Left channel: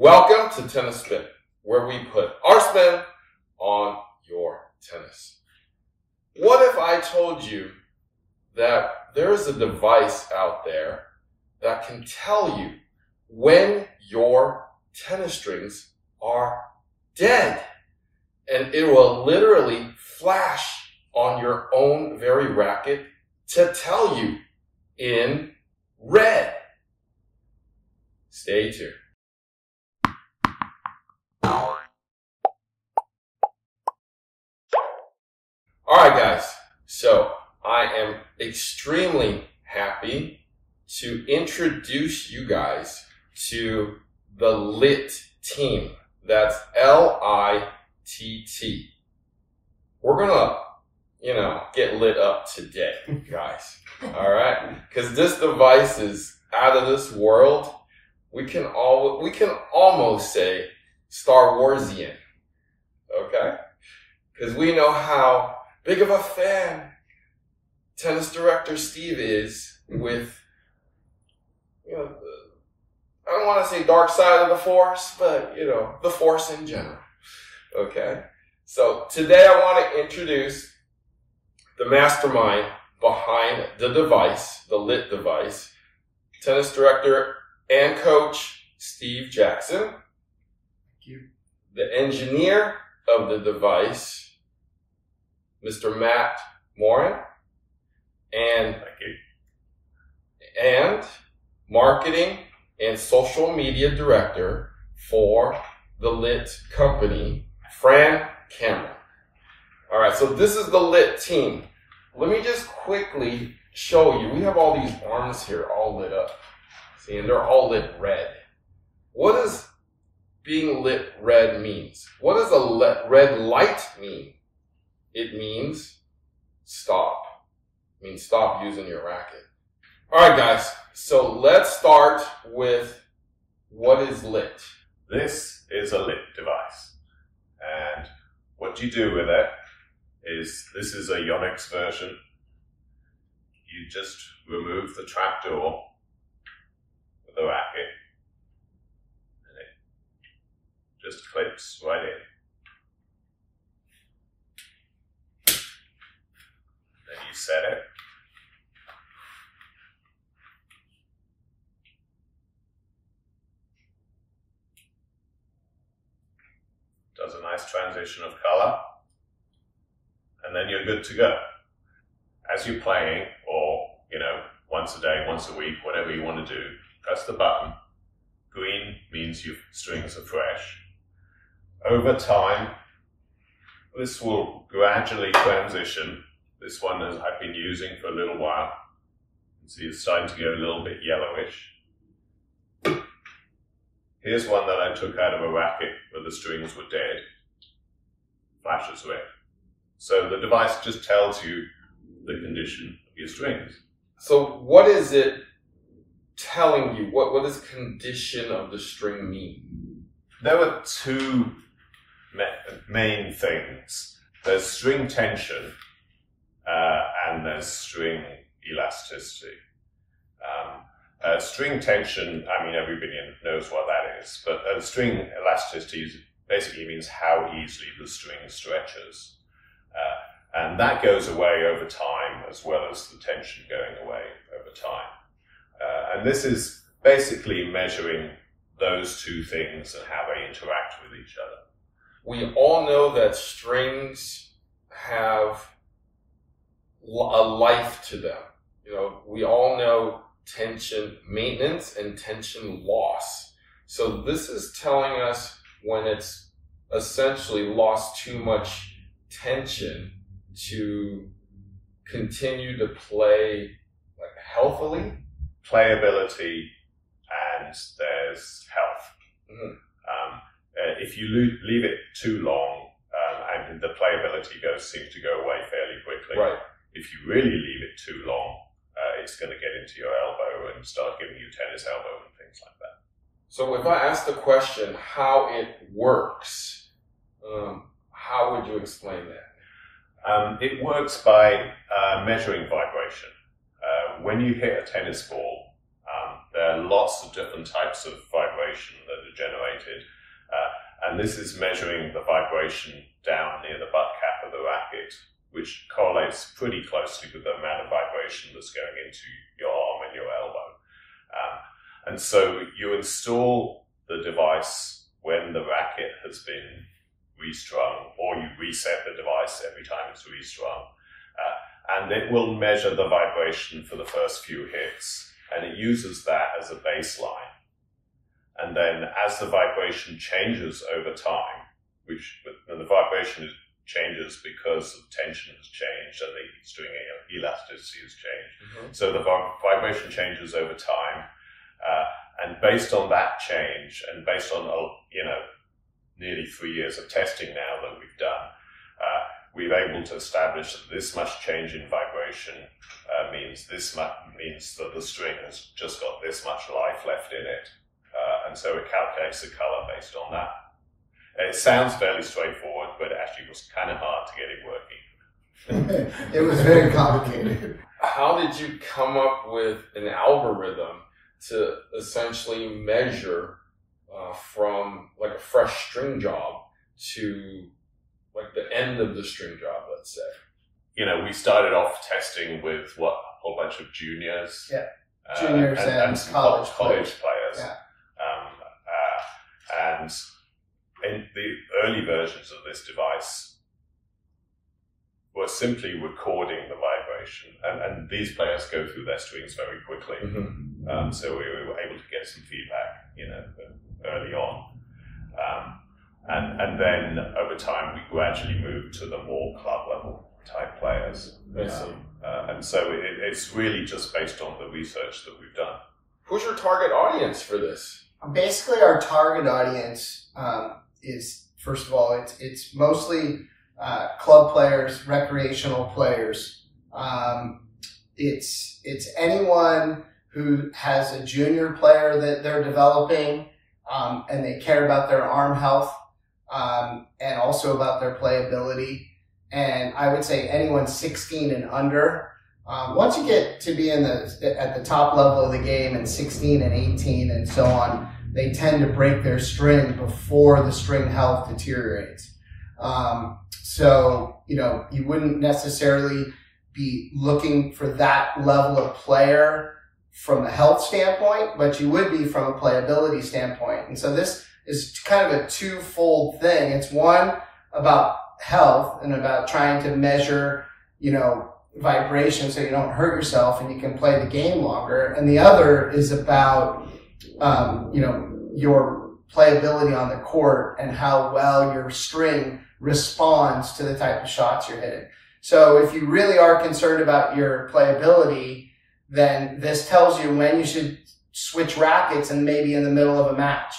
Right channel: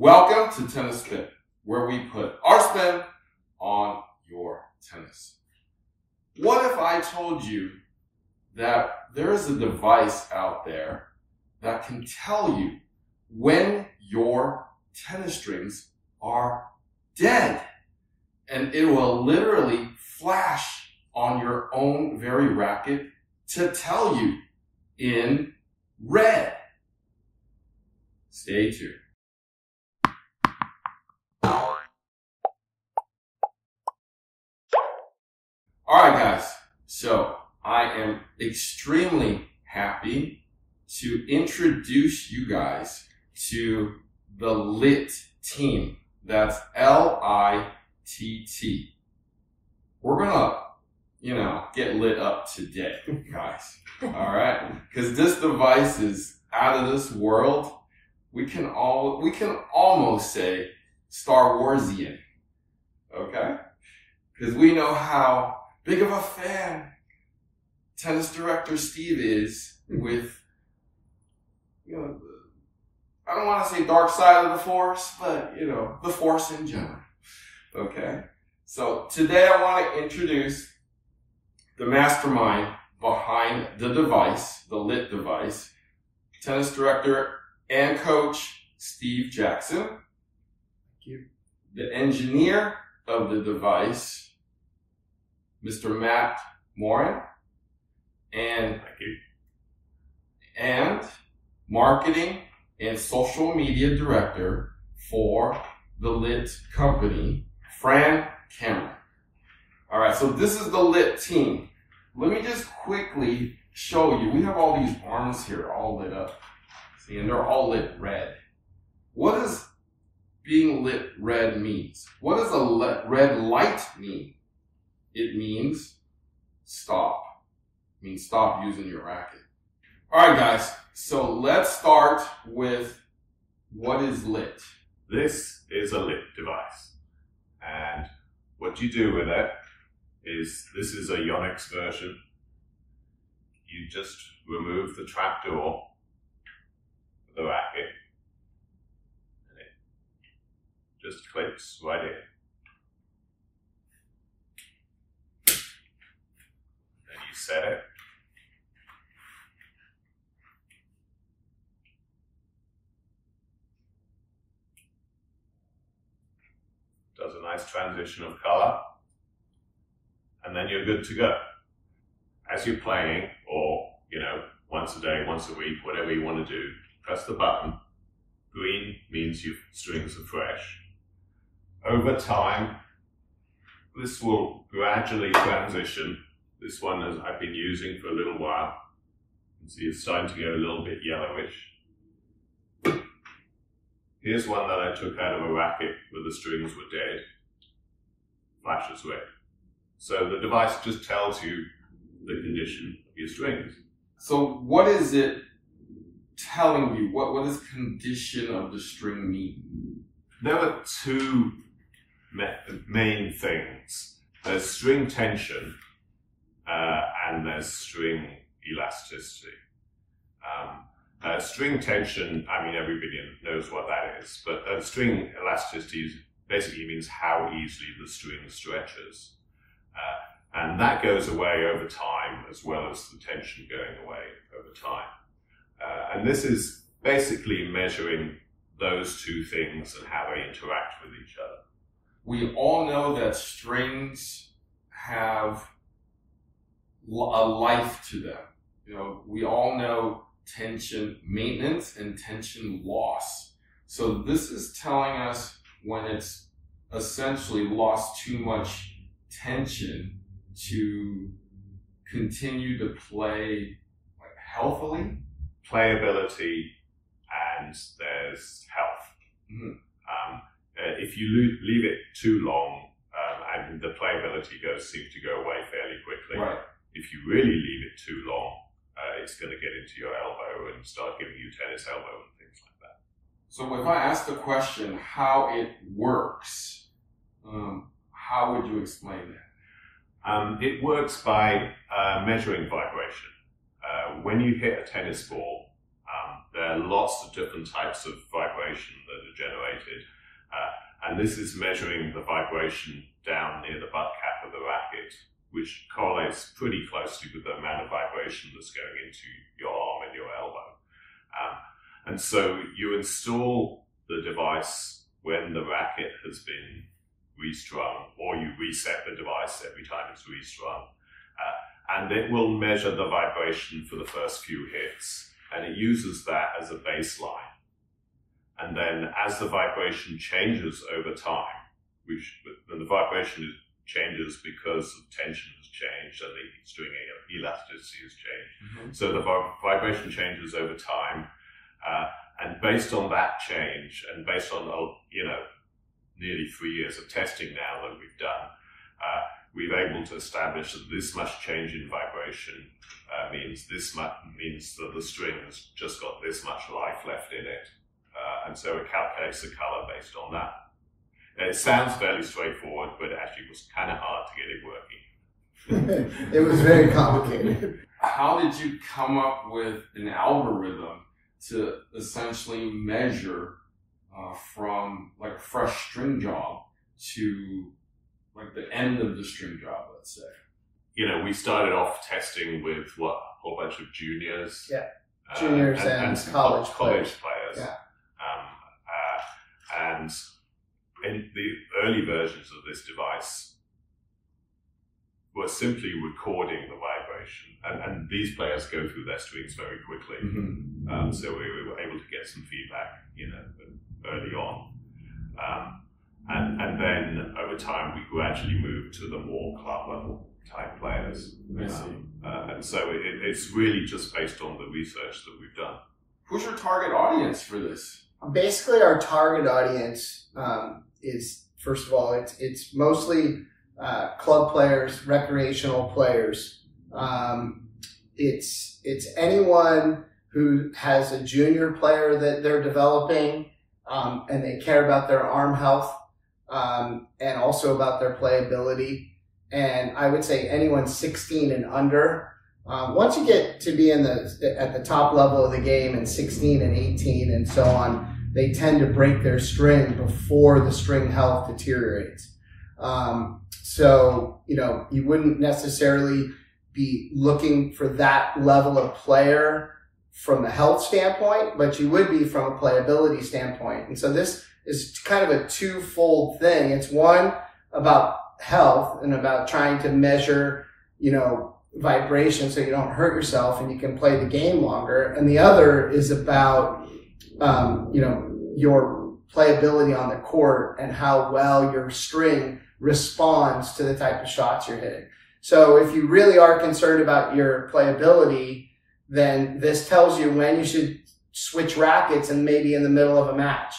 Welcome to Tennis Spin, where we put our spin on your tennis. What if I told you that there's a device out there that can tell you when your tennis strings are dead? And it will literally flash on your own very racket to tell you in red. Stay tuned. Alright guys, so I am extremely happy to introduce you guys to the LITT Team. That's L-I-T-T. We're gonna, get lit up today, guys. Alright? Because this device is out of this world. We can almost say Star Warsian. Okay? Because we know how big of a fan tennis director Steve is with, I don't want to say dark side of the force, but, the force in general. Okay? So today I want to introduce the mastermind behind the device, the LITT device, tennis director and coach Steve Jackson. Thank you. The engineer of the device, Mr. Moran, and marketing and social media director for the LITT company, Fran. All right, so this is the LITT team. Let me just quickly show you. We have all these arms here all lit up. See, and they're all lit red. What does being lit red means? What does a red light mean? It means stop. It means stop using your racket. All right, guys. So let's start with what is LITT. This is a LITT device. And what you do with it is, this is a Yonex version. You just remove the trapdoor of the racket. And it just clips right in. Set it. Does a nice transition of color. And then you're good to go. As you're playing, or, once a day, once a week, whatever you want to do, press the button. Green means your strings are fresh. Over time, this will gradually transition. This one I've been using for a little while. You can see it's starting to get a little bit yellowish. Here's one that I took out of a racket where the strings were dead. Flashes red. So the device just tells you the condition of your strings. So what is it telling you? What does condition of the string mean? There were two main things. There's string tension, and there's string elasticity. String tension, everybody knows what that is, but string elasticity basically means how easily the string stretches. And that goes away over time, as well as the tension going away over time. And this is basically measuring those two things and how they interact with each other. We all know that strings have a life to them. We all know tension maintenance and tension loss. So this is telling us when it's essentially lost too much tension to continue to play healthily. Playability, and there's health. Mm-hmm. If you leave it too long, and the playability seems to go away fairly quickly. Right. If you really leave it too long, it's going to get into your elbow and start giving you tennis elbow and things like that. So if I ask the question how it works, how would you explain that? It works by measuring vibration. When you hit a tennis ball, There are lots of different types of vibration that are generated. And this is measuring the vibration down near the butt cap of the racket, which correlates pretty closely with the amount of vibration that's going into your arm and your elbow. And so you install the device when the racket has been restrung, or you reset the device every time it's restrung. And it will measure the vibration for the first few hits. And it uses that as a baseline. And then as the vibration changes over time, and the vibration changes because the tension has changed and the string elasticity has changed. So the vibration changes over time. And based on that change, and based on, nearly 3 years of testing now that we've done, we're able to establish that this much change in vibration means that the string has just got this much life left in it. And so it calculates the color based on that. And it sounds fairly straightforward, but it actually was kind of hard to get it working. It was very complicated. How did you come up with an algorithm to essentially measure from like a fresh string job to like the end of the string job, let's say? We started off testing with a whole bunch of juniors. Yeah. Juniors and college players. Yeah. And in the early versions of this device were simply recording the vibration. And these players go through their strings very quickly. So we were able to get some feedback, early on. And then over time, we gradually moved to the more club level type players. And so it's really just based on the research that we've done. Who's your target audience for this? Basically, our target audience is, first of all, it's mostly club players, recreational players. It's anyone who has a junior player that they're developing, and they care about their arm health, and also about their playability. And I would say anyone 16 and under. Once you get to be at the top level of the game, and 16 and 18 and so on, they tend to break their string before the string health deteriorates. So, you wouldn't necessarily be looking for that level of player from a health standpoint, but you would be from a playability standpoint. And so this is kind of a twofold thing. It's one about health and about trying to measure, vibration so you don't hurt yourself and you can play the game longer. And the other is about, your playability on the court and how well your string responds to the type of shots you're hitting. So if you really are concerned about your playability, then this tells you when you should switch rackets and maybe in the middle of a match.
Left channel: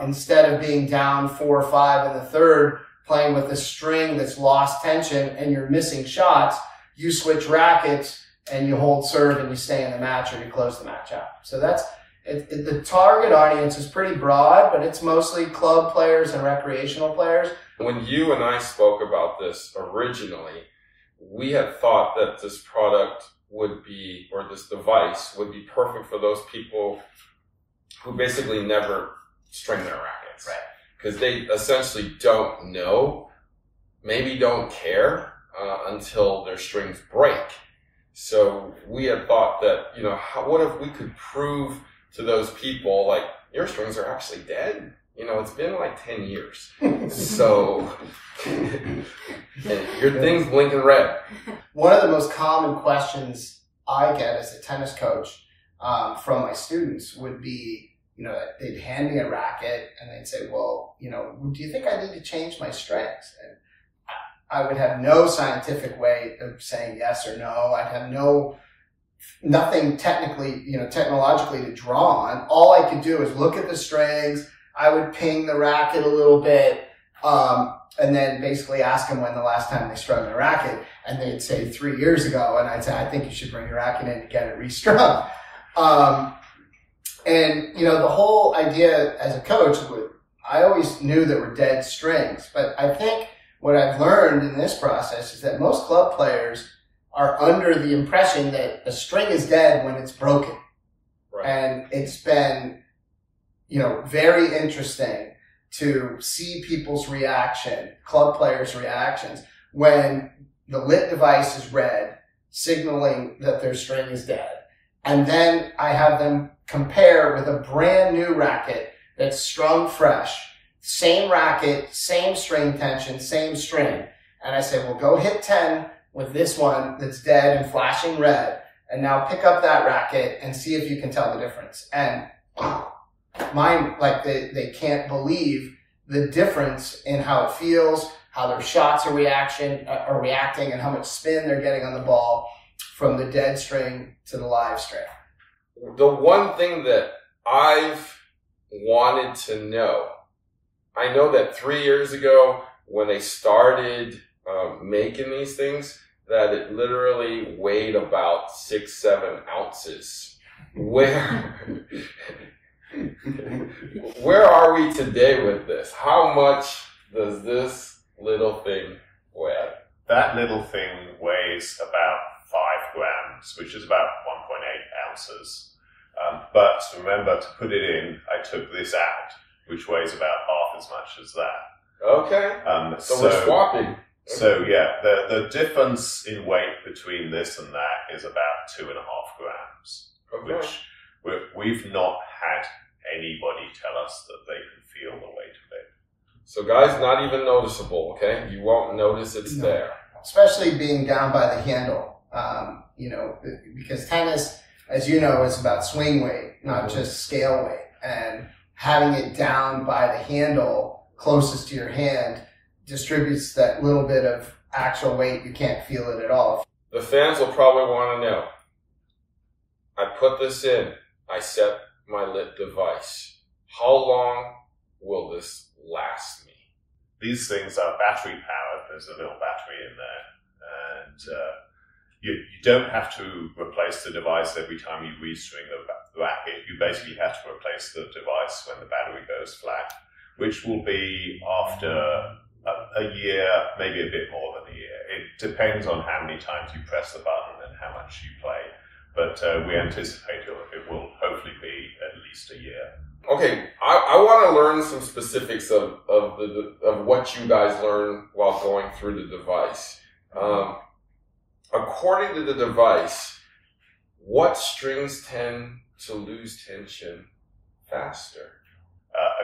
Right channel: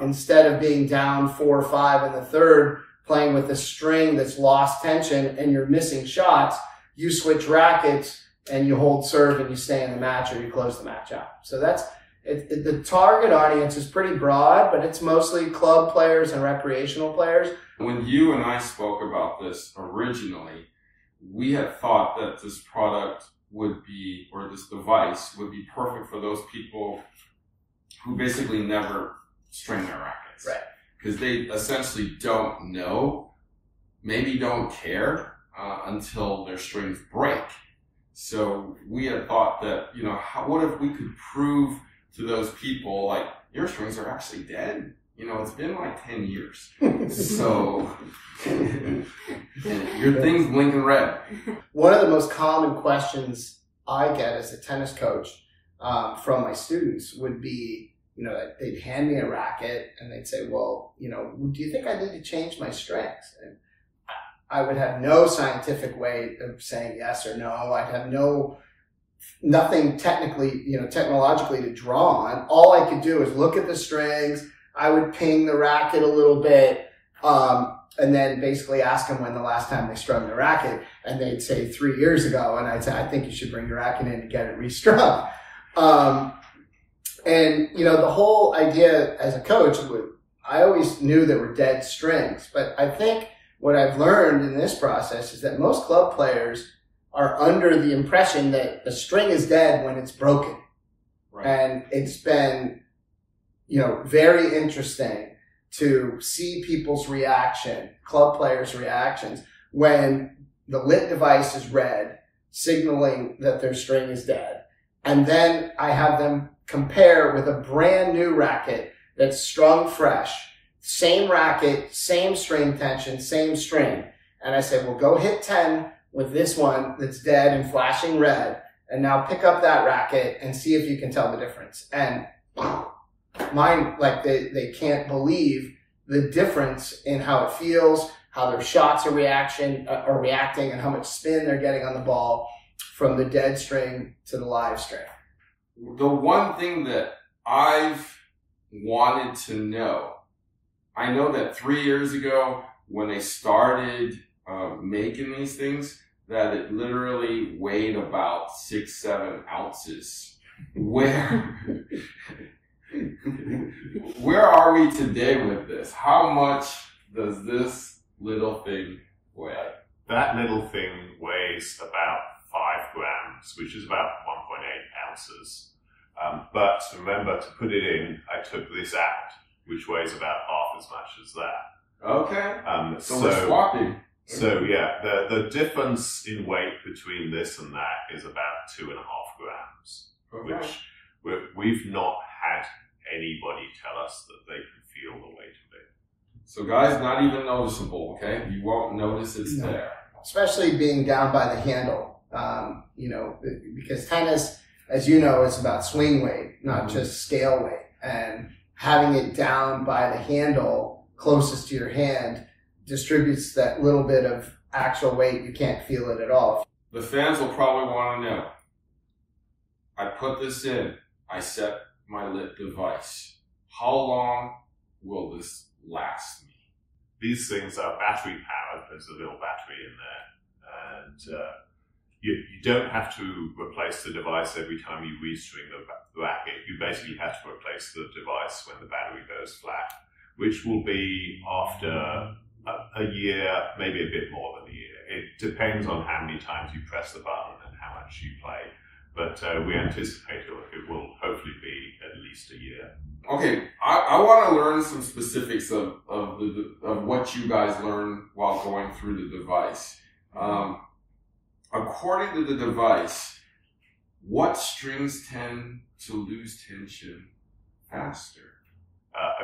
Instead of being down 4 or 5 in the third, playing with a string that's lost tension and you're missing shots, you switch rackets and you hold serve and you stay in the match, or you close the match out. So that's the target audience is pretty broad, but it's mostly club players and recreational players. When you and I spoke about this originally, we had thought that this product would be, or this device would be perfect for those people who basically never string their rackets. Right. Because they essentially don't know, maybe don't care until their strings break. So we had thought that, what if we could prove to those people, like, your strings are actually dead? It's been like 10 years. So your thing's blinking red. One of the most common questions I get as a tennis coach from my students would be, they'd hand me a racket and they'd say, well, do you think I need to change my strings? And I would have no scientific way of saying yes or no. I'd have nothing technologically to draw on. All I could do is look at the strings. I would ping the racket a little bit, and then basically ask them when the last time they strung their racket. And they'd say 3 years ago. And I'd say, I think you should bring your racket in to get it restrung. And, the whole idea as a coach, I always knew there were dead strings. But I think what I've learned in this process is that most club players are under the impression that the string is dead when it's broken. Right. Right. And it's been, very interesting to see people's reaction, club players' reactions, when the LITT device is red, signaling that their string is dead. And then I have them compare with a brand new racket that's strung fresh, same racket, same string tension, same string. And I say, well, go hit 10 with this one that's dead and flashing red, and now pick up that racket and see if you can tell the difference. And mine, like they can't believe the difference in how it feels, how their shots are reacting, and how much spin they're getting on the ball from the dead string to the live string. The one thing that I've wanted to know, I know that 3 years ago when they started making these things, that it literally weighed about 6-7 ounces. Where are we today with this? How much does this little thing weigh? That little thing weighs about 5 grams, which is about 1.8 ounces. But remember, to put it in, I took this out, which weighs about half as much as that. Okay. So we're swapping. So yeah, the difference in weight between this and that is about 2.5 grams, Okay. which we've not had anybody tell us that they can feel the weight of it. So guys, not even noticeable, okay? You won't notice it's there. Especially being down by the handle, because tennis, as you know, is about swing weight, not just scale weight. And having it down by the handle closest to your hand distributes that little bit of actual weight. You can't feel it at all. The fans will probably want to know. I put this in. I set my LITT device. How long will this last me? These things are battery powered. There's a little battery in there, and you don't have to replace the device every time you restring the racket. You basically have to replace the device when the battery goes flat, which will be after a year, maybe a bit more than a year. It depends on how many times you press the button and how much you play. But we anticipate it will hopefully be at least a year. Okay, I want to learn some specifics of what you guys learn while going through the device. According to the device, what strings tend to lose tension faster?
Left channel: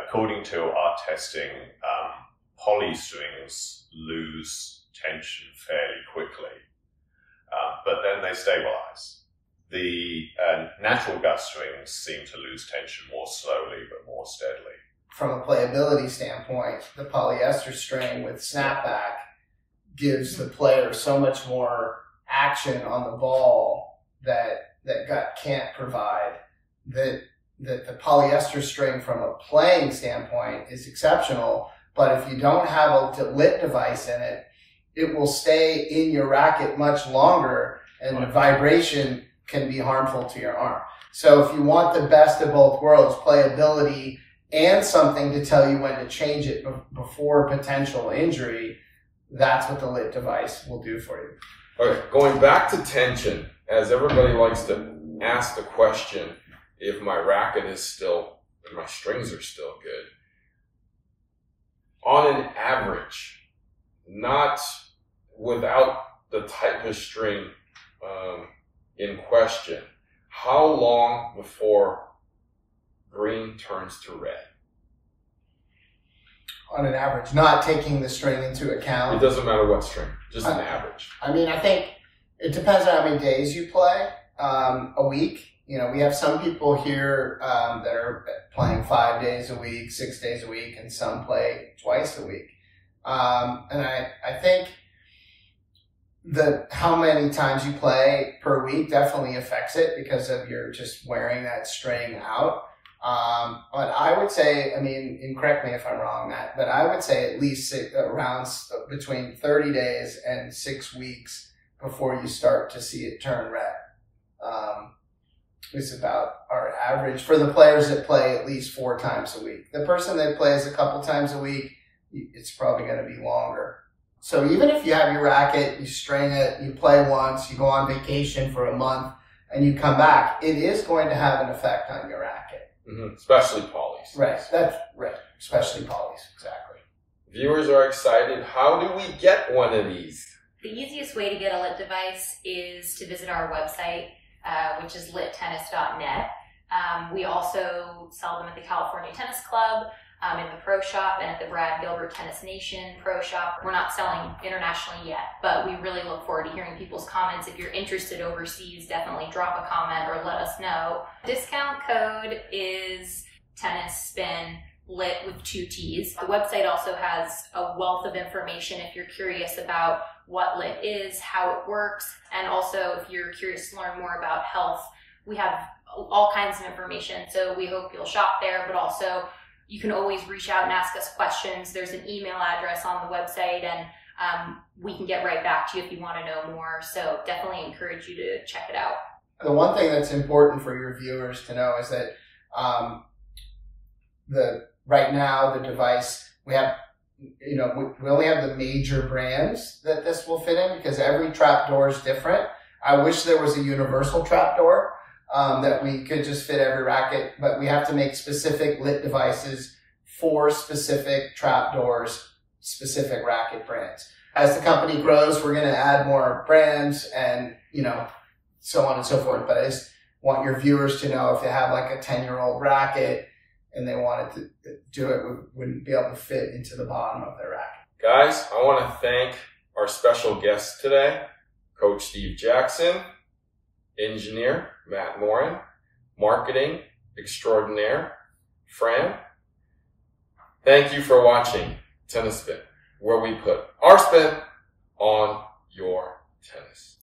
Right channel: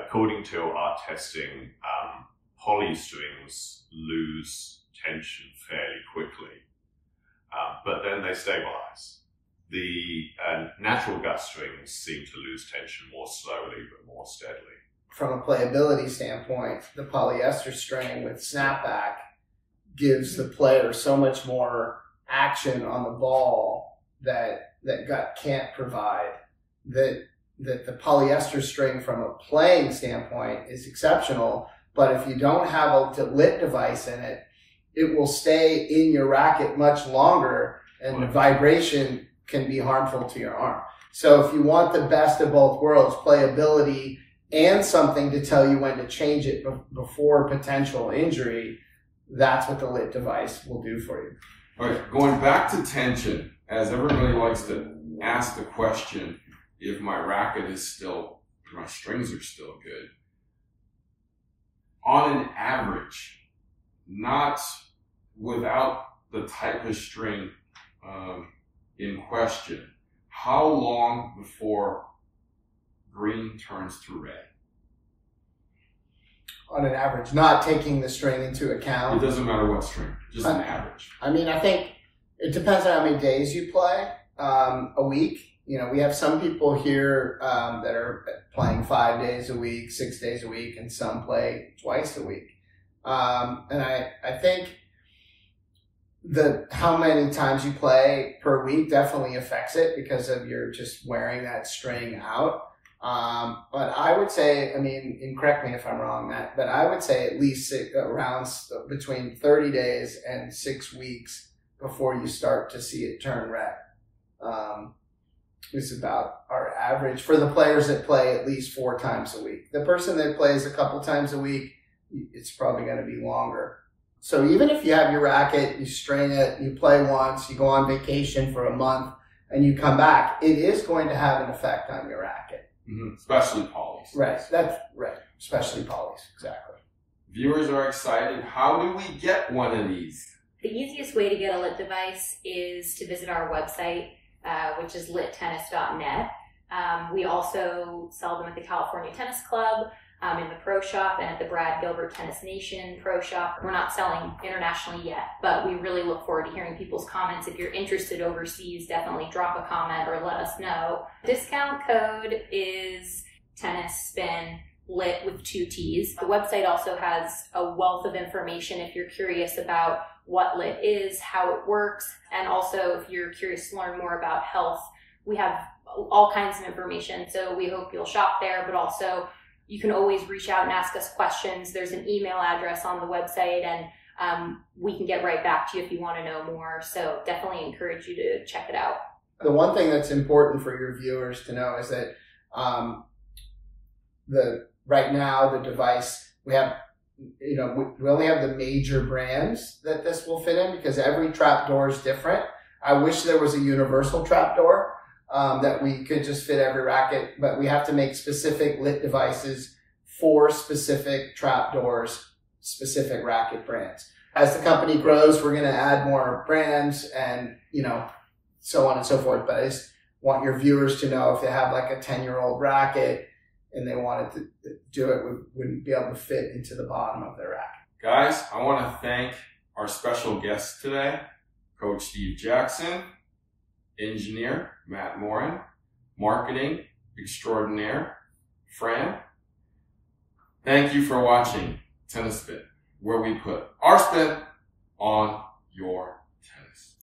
According to our testing, poly strings lose tension fairly quickly, but then they stabilize. The natural gut strings seem to lose tension more slowly but more steadily. From a playability standpoint, the polyester string with snapback gives the player so much more action on the ball that gut can't provide. That the polyester string from a playing standpoint is exceptional, but if you don't have a LITT device in it, it will stay in your racket much longer, and the vibration can be harmful to your arm. So if you want the best of both worlds, playability and something to tell you when to change it before potential injury, that's what the LITT device will do for you. Okay, going back to tension, as everybody likes to ask the question, if my racket is still, if my strings are still good. On an average, not without the type of string in question, how long before green turns to red? On an average, not taking the string into account. It doesn't matter what string, just an average. I mean, I think it depends on how many days you play. A week, we have some people here that are playing 5 days a week, 6 days a week, and some play twice a week. And I think how many times you play per week definitely affects it because of your just wearing that string out. But I would say, and correct me if I'm wrong, Matt, but I would say at least around between 30 days and 6 weeks before you start to see it turn red. Is about our average for the players that play at least 4 times a week. The person that plays a couple times a week, it's probably going to be longer. So even if you have your racket, you strain it, you play once, you go on vacation for a month, and you come back, it is going to have an effect on your racket. Especially polys. Right. That's right. Especially polys. Exactly. Viewers are excited. How do we get one of these? The easiest way to get a LITT device is to visit our website, which is litttennis.net. We also sell them at the California Tennis Club, in the Pro Shop, and at the Brad Gilbert Tennis Nation Pro Shop. We're not selling internationally yet, but we really look forward to hearing people's comments. If you're interested overseas, definitely drop a comment or let us know. Discount code is tennisspin, LITT with 2 T's. The website also has a wealth of information if you're curious about what LITT is, how it works, and also if you're curious to learn more about health. We have all kinds of information, so we hope you'll shop there, but also you can always reach out and ask us questions. There's an email address on the website, and we can get right back to you if you want to know more. So definitely encourage you to check it out. The one thing that's important for your viewers to know is that right now the device, we have, we only have the major brands that this will fit in, because every trapdoor is different. I wish there was a universal trapdoor that we could just fit every racket, but we have to make specific LITT devices for specific trapdoors, specific racket brands. As the company grows, we're going to add more brands and, so on and so forth. But I just want your viewers to know, if they have like a 10-year-old racket and they wanted to do it, we wouldn't be able to fit into the bottom of their racket. Guys, I want to thank our special guest today, Coach Steve Jackson, engineer Matt Moran, marketing extraordinaire Fran. Thank you for watching Tennis Spin, where we put our spin on your tennis.